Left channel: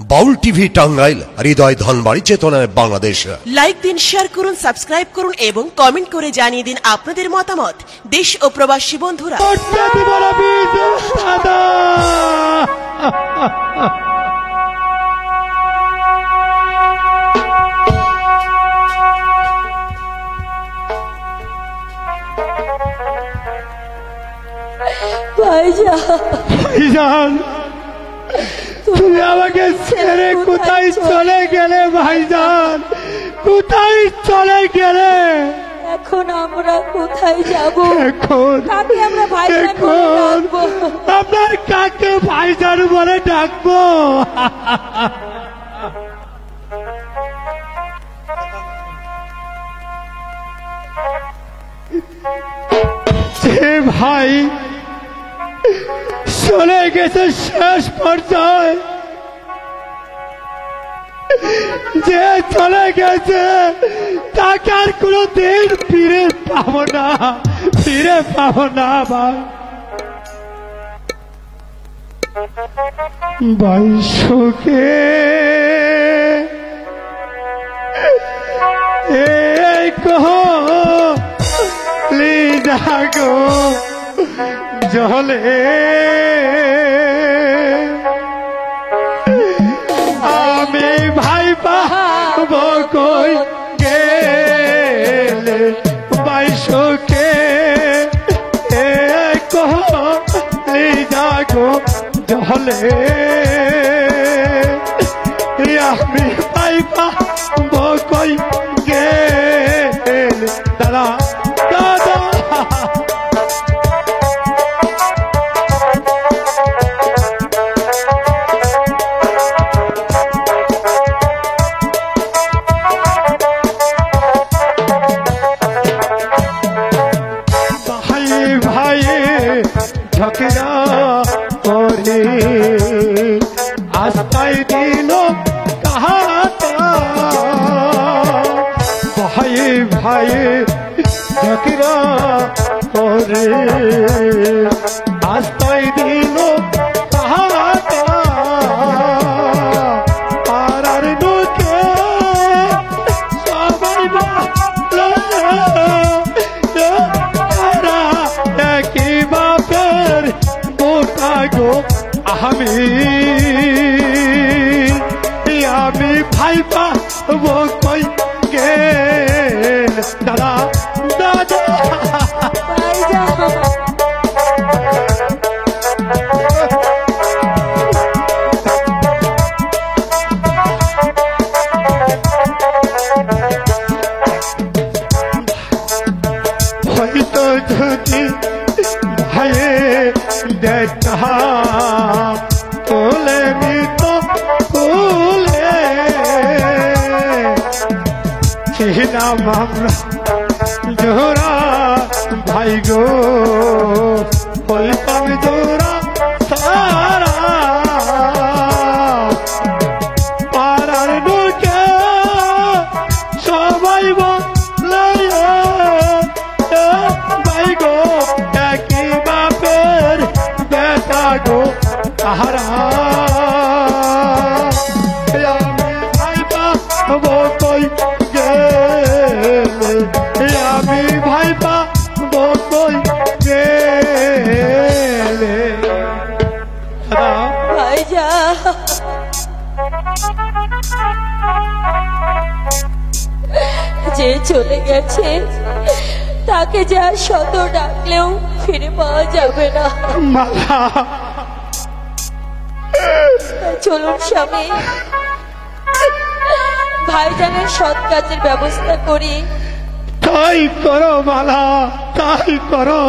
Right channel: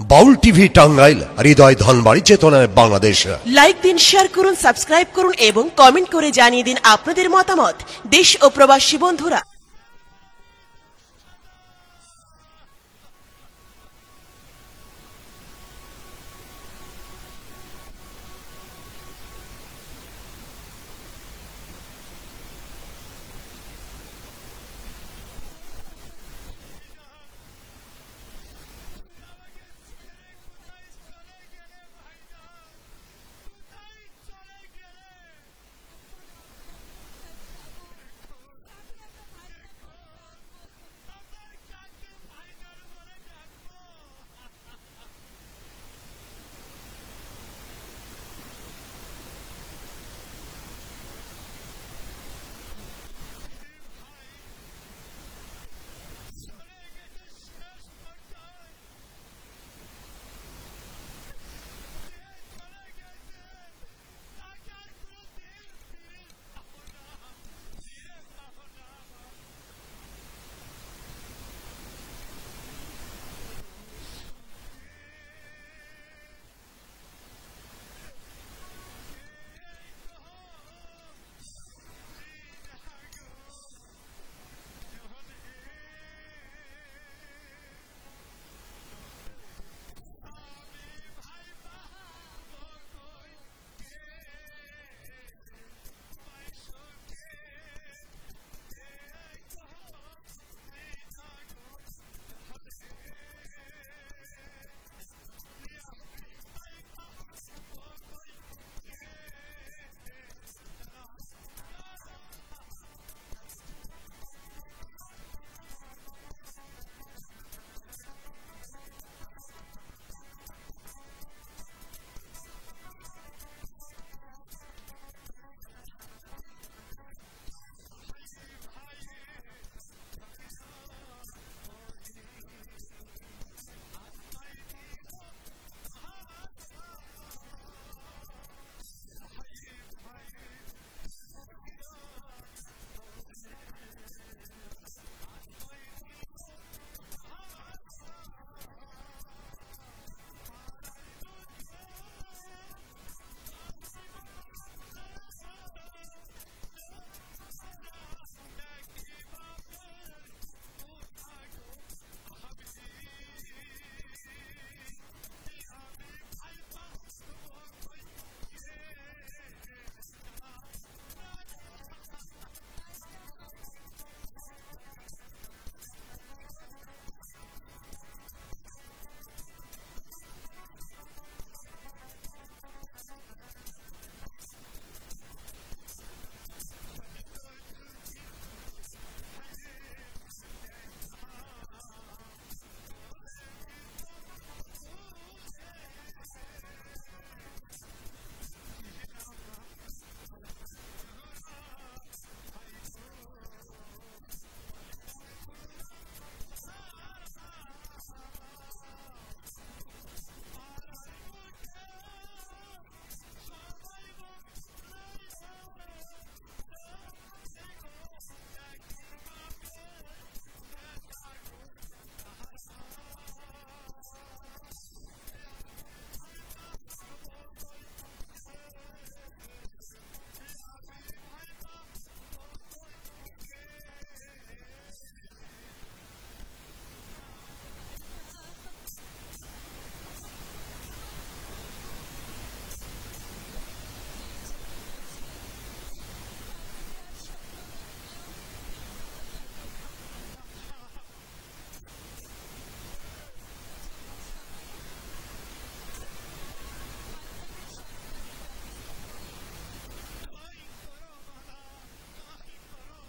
বাউল TV Tangail, হৃদয় ধনবাড়ি, চেতনায় Bangladesh. Like দিন, share করুন, সাবস্ক্রাইব করুন এবং কমেন্ট করে জানিয়ে দিন আপনাদের মতামত। দেশ ও প্রবাসী বন্ধুরা, ভাইজান, তুমি আমাকে ছেড়ে কোথায় চলে গেলে? ভাইজান, কোথায় চলে গেলে? এখন আমরা কোথায় যাব? এখন কাকে আমরা ভাইজান বলে ডাকবো? আপনার কাকে ভাইজান বলে ডাকবো? যে ভাই চলে গেছে শেষ পর্যায়ে, যে চলে গেছে তাকে আর কোনদিন ফিরে পাবো না, ফিরে পাবো না। ভাই সুখে এই কলি জাগো জলে আমি ভাই পাবো কই গেলে? ভাই সুখে কলি জাগো জলে আমি ভাই পাবো কই গেলে? দাদা দাদা ঝগড়া করে আস্তায় দিল কাহাতা, ভাই ভাই ঝগড়া করে আস্তায় দিল কাহাতা, পাড়ার লোকে সবাই বলে একই বাপের বোটা গো। আমি ভাই পাবো কই গেল? দাদা দাদা হয়তো যদি ভাইয়ে দেখা তোলে মিত ফুলে ছিলাম আমরা জোড়া ভাই গো, বলতাম জোড়া সারা পাড়ার লোকে সবাই বলে ভাই গো একই বাপের বেটা গো তাহারা। আমি ভাই পাবো কই গেলে? আমি ভাই পাবো কই গেলে? ভাইজান, যে চলে গেছে তাকে যা শত ডাকলেও ফিরে পাওয়া যাবে না। মালা চলুন স্বামী, ভাইজানের সৎ কাজের ব্যবস্থা করি। তাই করো মালা, তাই করো।